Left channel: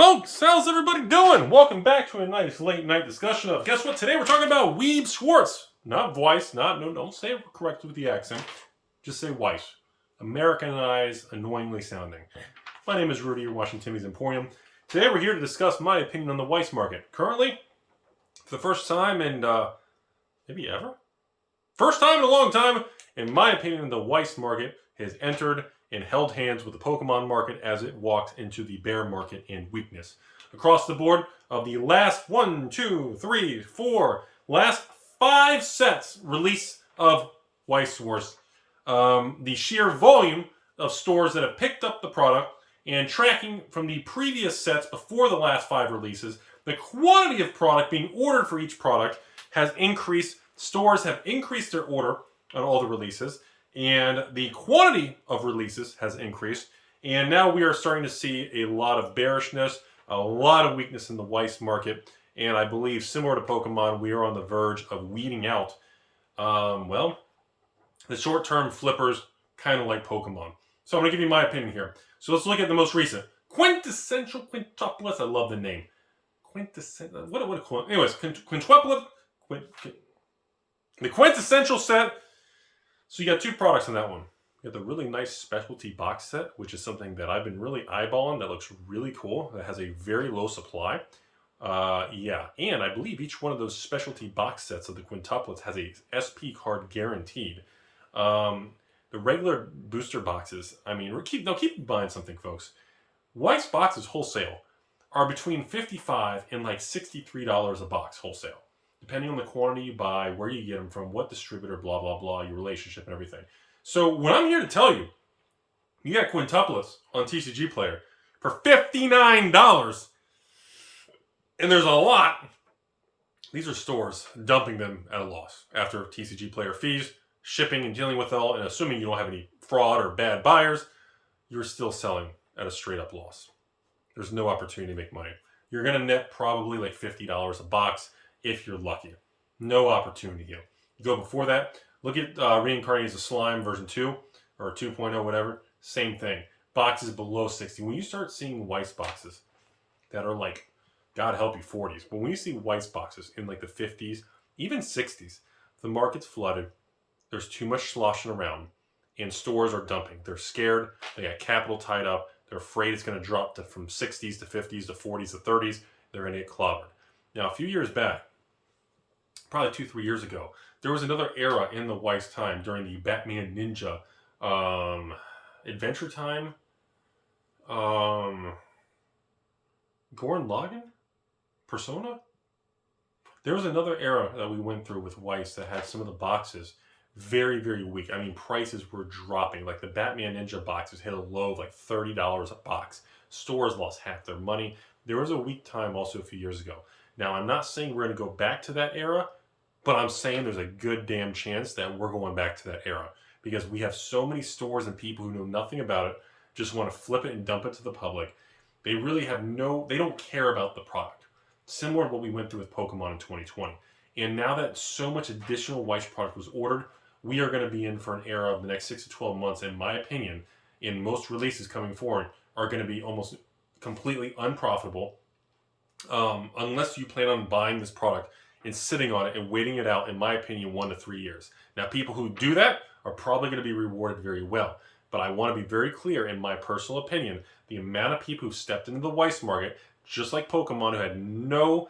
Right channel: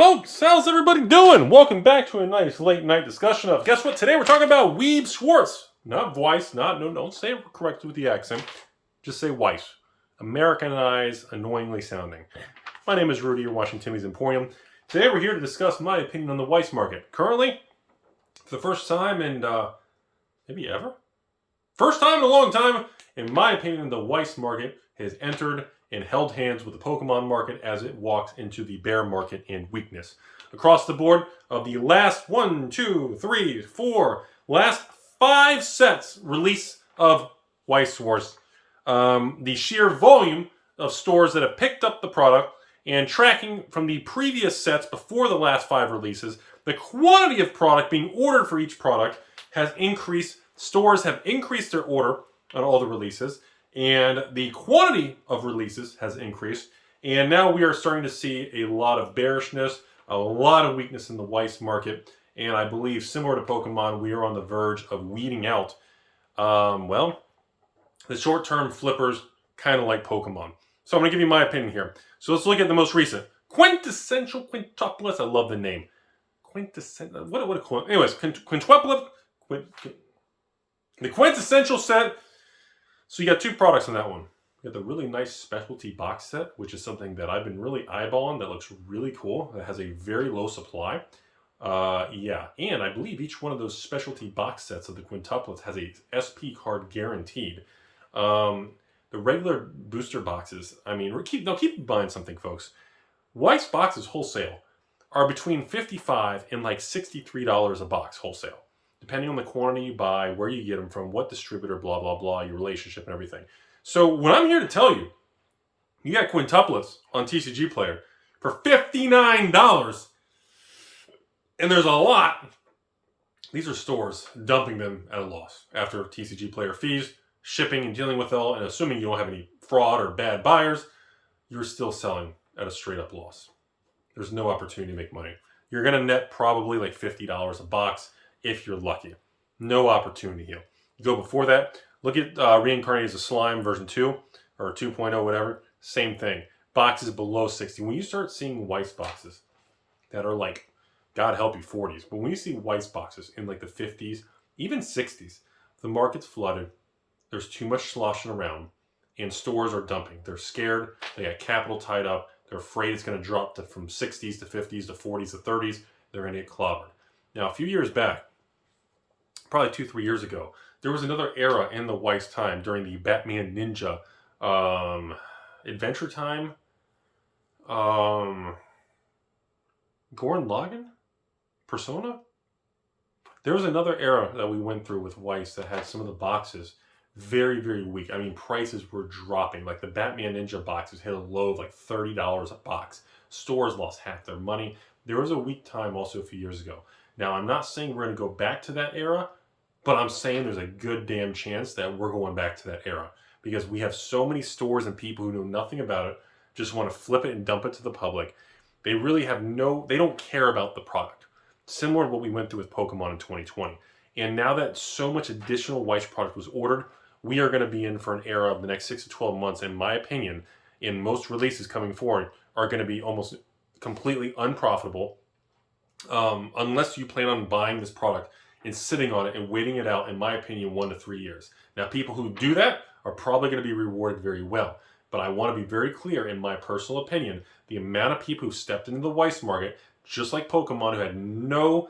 Folks, how's everybody doing? Welcome back to a nice late night discussion of, guess what? Today we're talking about Schwarz. Not Weiss, don't say it correctly with the accent. Just say Weiss. Americanized, annoyingly sounding. My name is Rudy, you're watching Timmy's Emporium. Today we're here to discuss my opinion on the Weiss market. Currently, for the first time in, maybe ever? First time in a long time, in my opinion, the Weiss market has entered and held hands with the Pokemon market as it walks into the bear market in weakness. Across the board, of the last 5 sets release of Weiss Schwarz, the sheer volume of stores that have picked up the product and tracking from the previous sets before the last 5 releases, the quantity of product being ordered for each product has increased. Stores have increased their order on all the releases, and the quantity of releases has increased, and now we are starting to see a lot of bearishness, a lot of weakness in the Weiss market, and I believe, similar to Pokemon, we are on the verge of weeding out, the short-term flippers, kind of like Pokemon. So I'm going to give you my opinion here. So let's look at the most recent. Quintessential Quintuplets. I love the name. Quintessential. Anyways, Quintuplet. The Quintessential set. So you got 2 products in that one. You got the really nice specialty box set, which is something that I've been really eyeballing that looks really cool. That has a very low supply. And I believe each one of those specialty box sets of the quintuplets has a SP card guaranteed. The regular booster boxes, I mean, keep buying something, folks. Weiss boxes wholesale are between $55 and like $63 a box wholesale, depending on the quantity you buy, where you get them from, what distributor, blah, blah, blah, your relationship and everything. So what I'm here to tell you, you got quintuplets on TCG Player for $59, and there's a lot. These are stores dumping them at a loss after TCG Player fees, shipping and dealing with it all, and assuming you don't have any fraud or bad buyers, you're still selling at a straight up loss. There's no opportunity to make money. You're going to net probably like $50 a box if you're lucky. No opportunity here. You go before that, look at Reincarnated as a Slime version 2 or 2.0, whatever. Same thing. Boxes below 60. When you start seeing Weiss boxes that are like, God help you, 40s. But when you see Weiss boxes in like the 50s, even 60s, the market's flooded. There's too much sloshing around, and stores are dumping. They're scared. They got capital tied up. They're afraid it's going to drop from 60s to 50s to 40s to 30s. They're going to get clobbered. Now, a few years back, probably 2-3 years ago, there was another era in the Weiss time during the Batman Ninja Adventure Time. Gurren Lagann? Persona? There was another era that we went through with Weiss that had some of the boxes very, very weak. I mean, prices were dropping. Like the Batman Ninja boxes hit a low of like $30 a box. Stores lost half their money. There was a weak time also a few years ago. Now, I'm not saying we're going to go back to that era, but I'm saying there's a good damn chance that we're going back to that era because we have so many stores and people who know nothing about it, just want to flip it and dump it to the public. They really have they don't care about the product. Similar to what we went through with Pokemon in 2020. And now that so much additional Weiss product was ordered, we are going to be in for an era of the next 6 to 12 months, in my opinion, in most releases coming forward, are going to be almost completely unprofitable unless you plan on buying this product and sitting on it and waiting it out, in my opinion, 1 to 3 years. Now, people who do that are probably going to be rewarded very well. But I want to be very clear, in my personal opinion, the amount of people who stepped into the Weiss market, just like Pokemon, who had no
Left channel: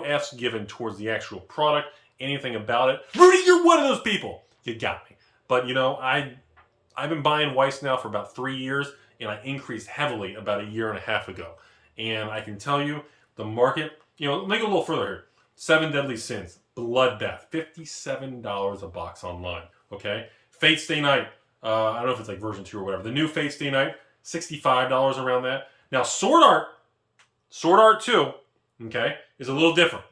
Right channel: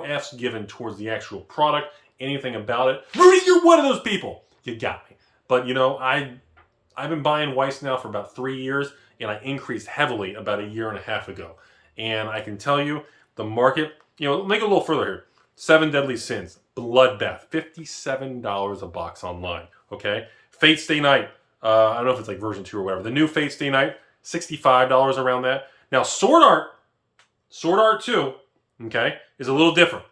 F's given towards the actual product, anything about it. Rudy, you're one of those people. You got me. But, you know, I've been buying Weiss now for about 3 years, and I increased heavily about 1.5 years ago. And I can tell you, the market, you know, make it a little further here. 7 Deadly Sins, Bloodbath, $57 a box online, okay? Fate Stay Night, I don't know if it's like version 2 or whatever. The new Fate Stay Night, $65 around that. Now, Sword Art 2, okay, is a little different.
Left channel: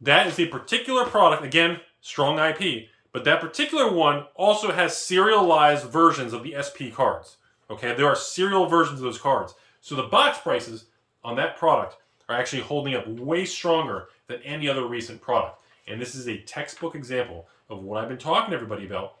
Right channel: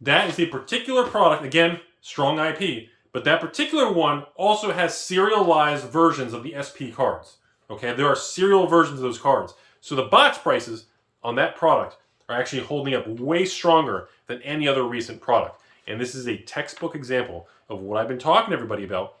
That is a particular product, again, strong IP, but that particular one also has serialized versions of the SP cards, okay? There are serial versions of those cards. So the box prices on that product are actually holding up way stronger than any other recent product. And this is a textbook example of what I've been talking to everybody about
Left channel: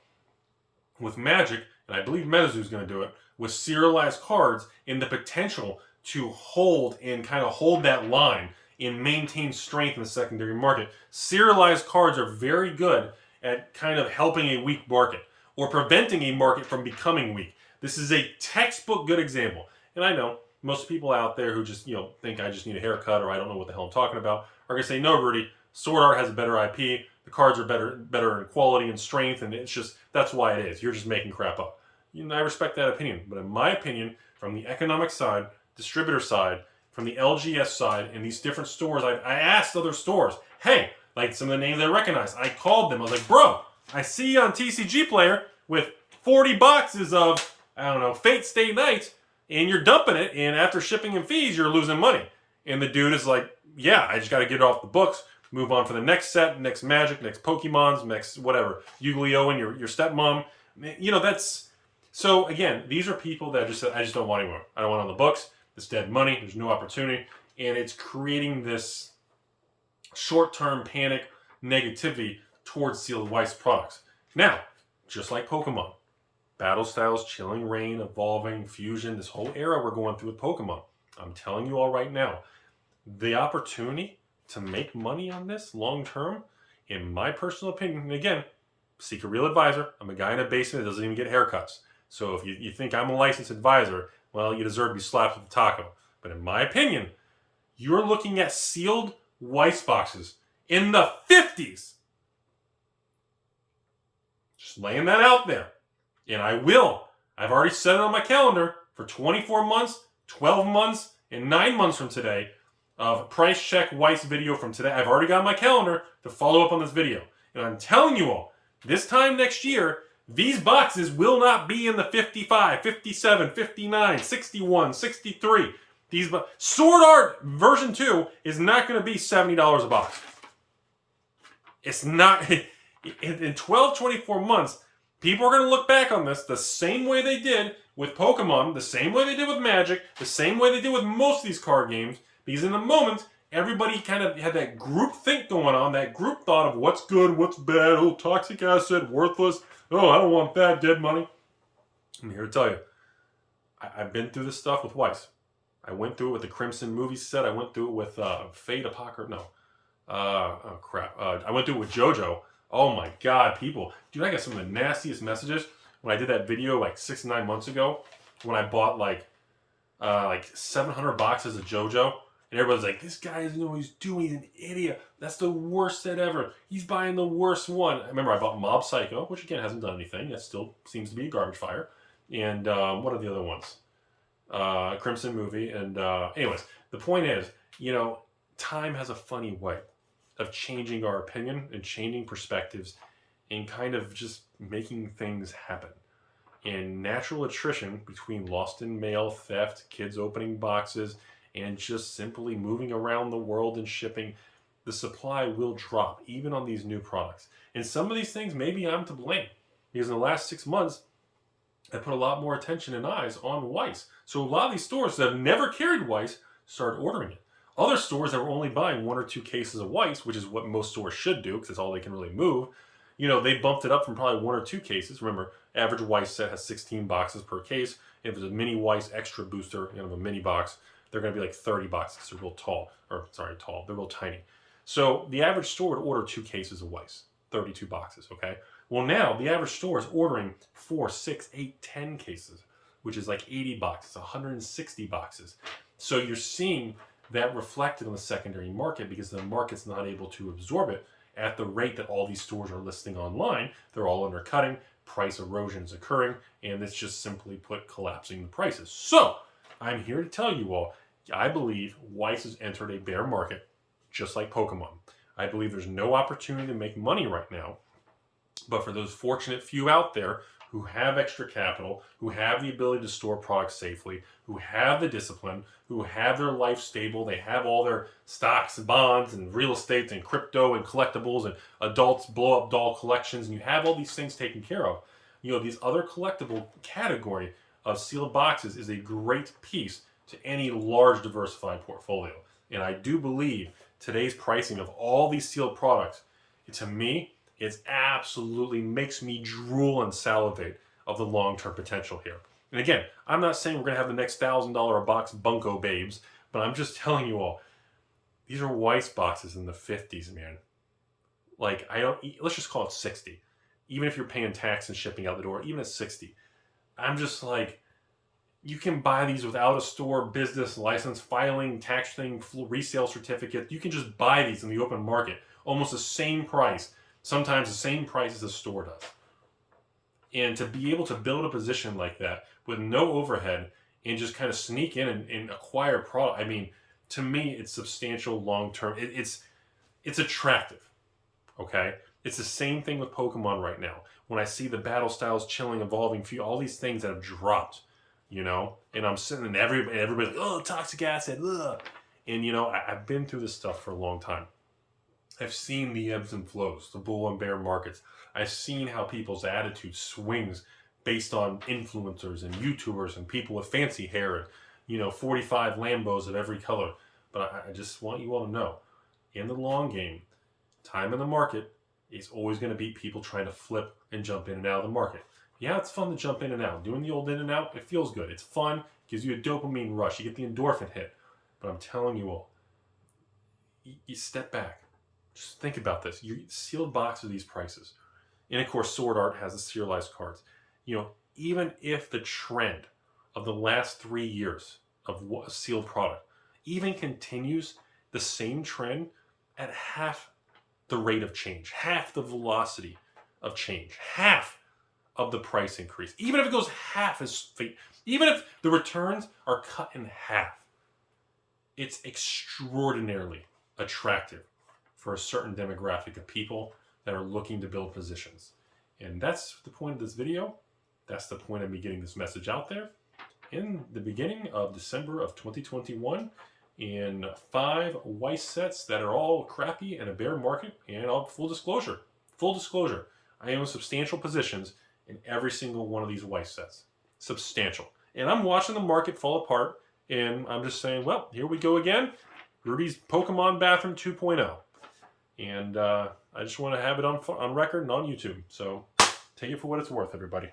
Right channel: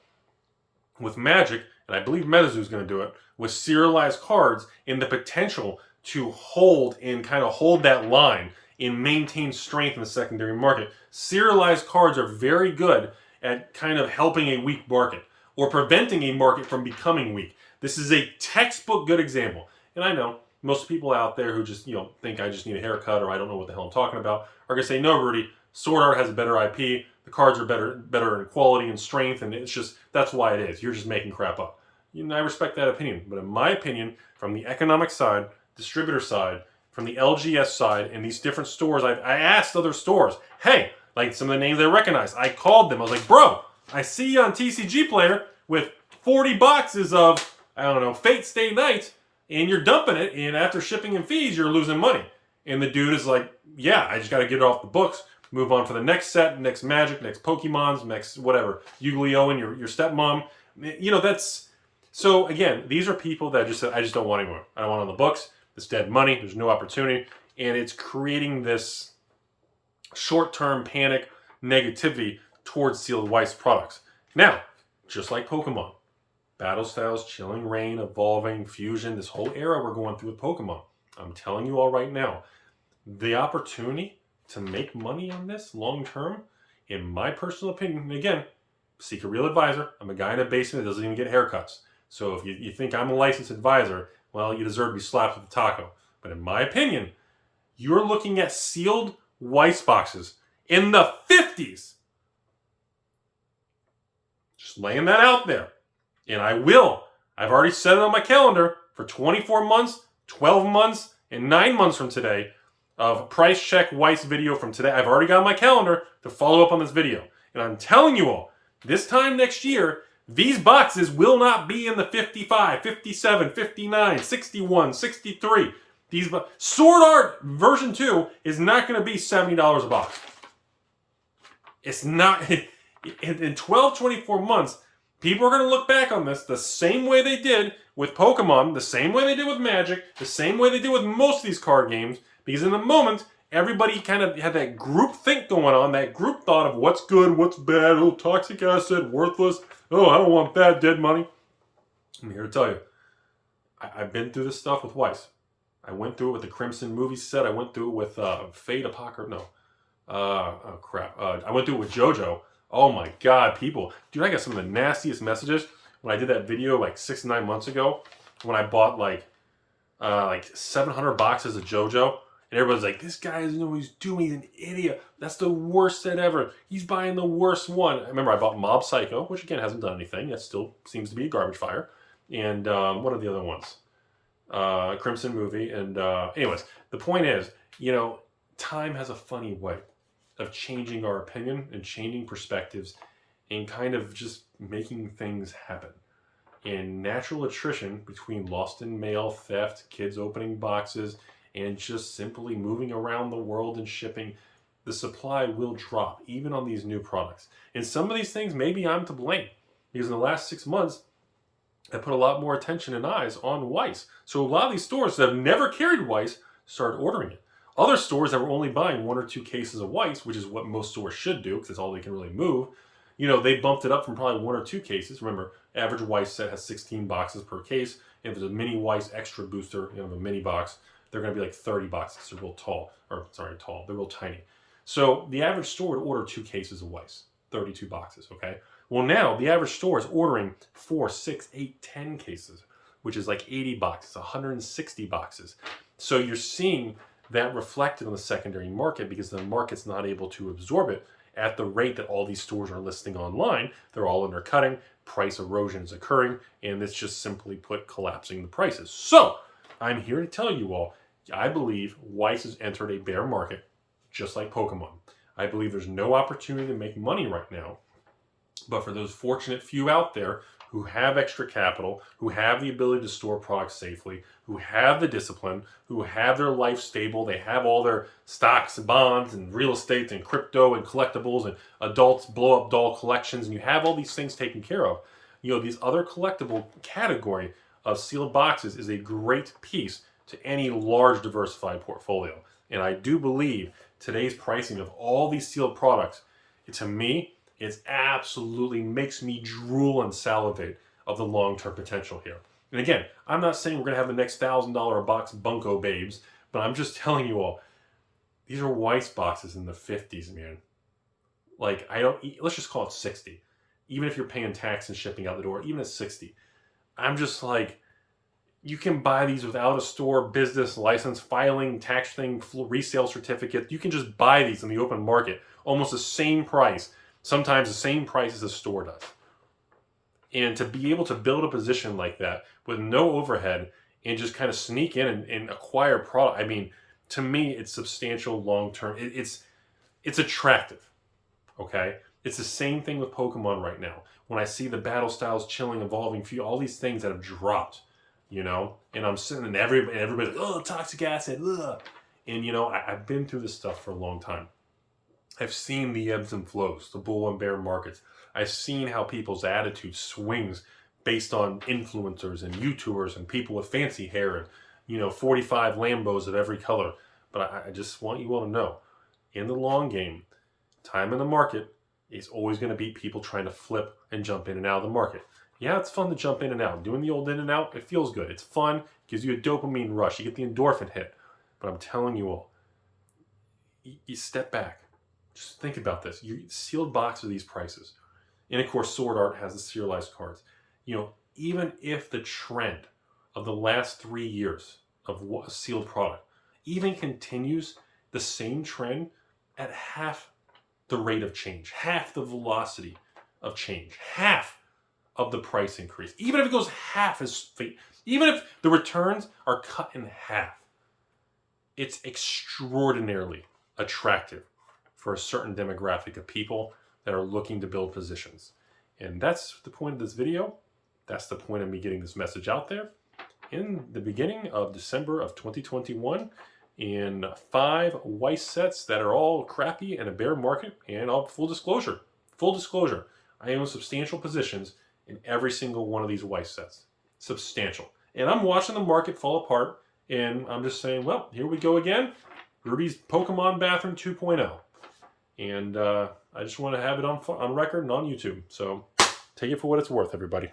with Magic, and I believe MetaZoo is going to do it, with serialized cards and the potential to hold and kind of hold that line and maintain strength in the secondary market. Serialized cards are very good at kind of helping a weak market or preventing a market from becoming weak. This is a textbook good example. And I know most people out there who just, think I just need a haircut or I don't know what the hell I'm talking about are going to say, no, Rudy, Sword Art has a better IP. The cards are better in quality and strength, and it's just, that's why it is. You're just making crap up. I respect that opinion. But in my opinion, from the economic side, distributor side, from the LGS side, and these different stores, I asked other stores, hey, like some of the names I recognize, I called them. I was like, bro, I see you on TCG Player with 40 boxes of, I don't know, Fate Stay Night, and you're dumping it, and after shipping and fees, you're losing money. And the dude is like, yeah, I just got to get it off the books, move on for the next set, next Magic, next Pokemons, next whatever, Yu-Gi-Oh! And your stepmom. That's... So, again, these are people that just said, I just don't want anymore. I don't want it on the books. It's dead money. There's no opportunity. And it's creating this short-term panic negativity towards sealed Weiss products. Now, just like Pokemon, Battle Styles, Chilling Reign, Evolving, Fusion, this whole era we're going through with Pokemon. I'm telling you all right now, the opportunity to make money on this long-term, in my personal opinion, and again, seek a real advisor. I'm a guy in a basement that doesn't even get haircuts. So if you think I'm a licensed advisor, well, you deserve to be slapped with a taco. But in my opinion, you're looking at sealed Weiss boxes in the 50s. Just laying that out there. And I will. I've already set it on my calendar for 24 months, 12 months, and 9 months from today of price check Weiss video from today. I've already got on my calendar to follow up on this video. And I'm telling you all, this time next year, these boxes will not be in the 55, 57, 59, 61, 63. Sword Art version 2 is not going to be $70 a box. It's not. In 12, 24 months, people are going to look back on this the same way they did with Pokemon, the same way they did with Magic, the same way they did with most of these card games, because in the moment, everybody kind of had that group think going on, that group thought of what's good, what's bad, oh, toxic acid, worthless, oh, I don't want bad dead money. I'm here to tell you, I've been through this stuff with Weiss. I went through it with the Crimson movie set. I went through it with Fate Apocrypha. No. Oh, crap. I went through it with JoJo. Oh, my God, people. Dude, I got some of the nastiest messages when I did that video like 6 to 9 months ago when I bought like 700 boxes of JoJo. And everybody's like, this guy doesn't know what he's doing. He's an idiot. That's the worst set ever. He's buying the worst one. I remember I bought Mob Psycho, which again hasn't done anything. That still seems to be a garbage fire. And what are the other ones? Crimson movie. And anyways, the point is, time has a funny way of changing our opinion and changing perspectives and kind of just making things happen. And natural attrition between lost in mail, theft, kids opening boxes, and just simply moving around the world and shipping, the supply will drop, even on these new products. And some of these things, maybe I'm to blame, because in the last 6 months, I put a lot more attention and eyes on Weiss. So a lot of these stores that have never carried Weiss started ordering it. Other stores that were only buying 1 or 2 cases of Weiss, which is what most stores should do, because it's all they can really move, they bumped it up from probably 1 or 2 cases. Remember, average Weiss set has 16 boxes per case. If it's a mini Weiss extra booster, a mini box, they're going to be like 30 boxes because they're real tall. They're real tiny. So the average store would order 2 cases of Weiss, 32 boxes, okay? Well, now the average store is ordering 4, 6, 8, 10 cases, which is like 80 boxes, 160 boxes. So you're seeing that reflected on the secondary market because the market's not able to absorb it at the rate that all these stores are listing online. They're all undercutting, price erosion is occurring, and it's just simply put collapsing the prices. So I'm here to tell you all, I believe Weiss has entered a bear market, just like Pokemon. I believe there's no opportunity to make money right now. But for those fortunate few out there who have extra capital, who have the ability to store products safely, who have the discipline, who have their life stable, they have all their stocks and bonds and real estate and crypto and collectibles and adults blow-up doll collections, and you have all these things taken care of. These other collectible category of sealed boxes is a great piece to any large diversified portfolio. And I do believe today's pricing of all these sealed products, to me, it absolutely makes me drool and salivate of the long-term potential here. And again, I'm not saying we're going to have the next $1,000 a box Bunko babes, but I'm just telling you all, these are Weiss boxes in the 50s, man. Like, let's just call it 60. Even if you're paying tax and shipping out the door, even at 60. I'm just like, you can buy these without a store business license, filing, tax thing, resale certificate. You can just buy these in the open market, almost the same price, sometimes the same price as the store does. And to be able to build a position like that with no overhead and just kind of sneak in and acquire product, I mean, to me, it's substantial long-term. It's attractive, okay? It's the same thing with Pokemon right now. When I see the battle styles chilling, evolving, all these things that have dropped, you know, and I'm sitting and everybody's like, oh, toxic acid, ugh. And, you know, I've been through this stuff for a long time. I've seen the ebbs and flows, the bull and bear markets. I've seen how people's attitude swings based on influencers and YouTubers and people with fancy hair and, you know, 45 Lambos of every color. But I just want you all to know, in the long game, time in the market is always going to be people trying to flip and jump in and out of the market. Yeah, it's fun to jump in and out. Doing the old in and out, it feels good. It's fun. Gives you a dopamine rush. You get the endorphin hit. But I'm telling you all, you step back. Just think about this. You sealed box of these prices. And of course, Sword Art has the serialized cards. You know, even if the trend of the last 3 years of a sealed product even continues the same trend at half the rate of change, half the velocity of change, half of the price increase, even if it goes half as, even if the returns are cut in half, it's extraordinarily attractive for a certain demographic of people that are looking to build positions. And that's the point of this video. That's the point of me getting this message out there in the beginning of December of 2021 in 5 Weiss sets that are all crappy in a bear market. And full disclosure, I own substantial positions in every single one of these Weiss sets. Substantial. And I'm watching the market fall apart, and I'm just saying, well, here we go again. Rudy's Pokemon Bathroom 2.0. And I just want to have it on record and on YouTube. So take it for what it's worth, everybody.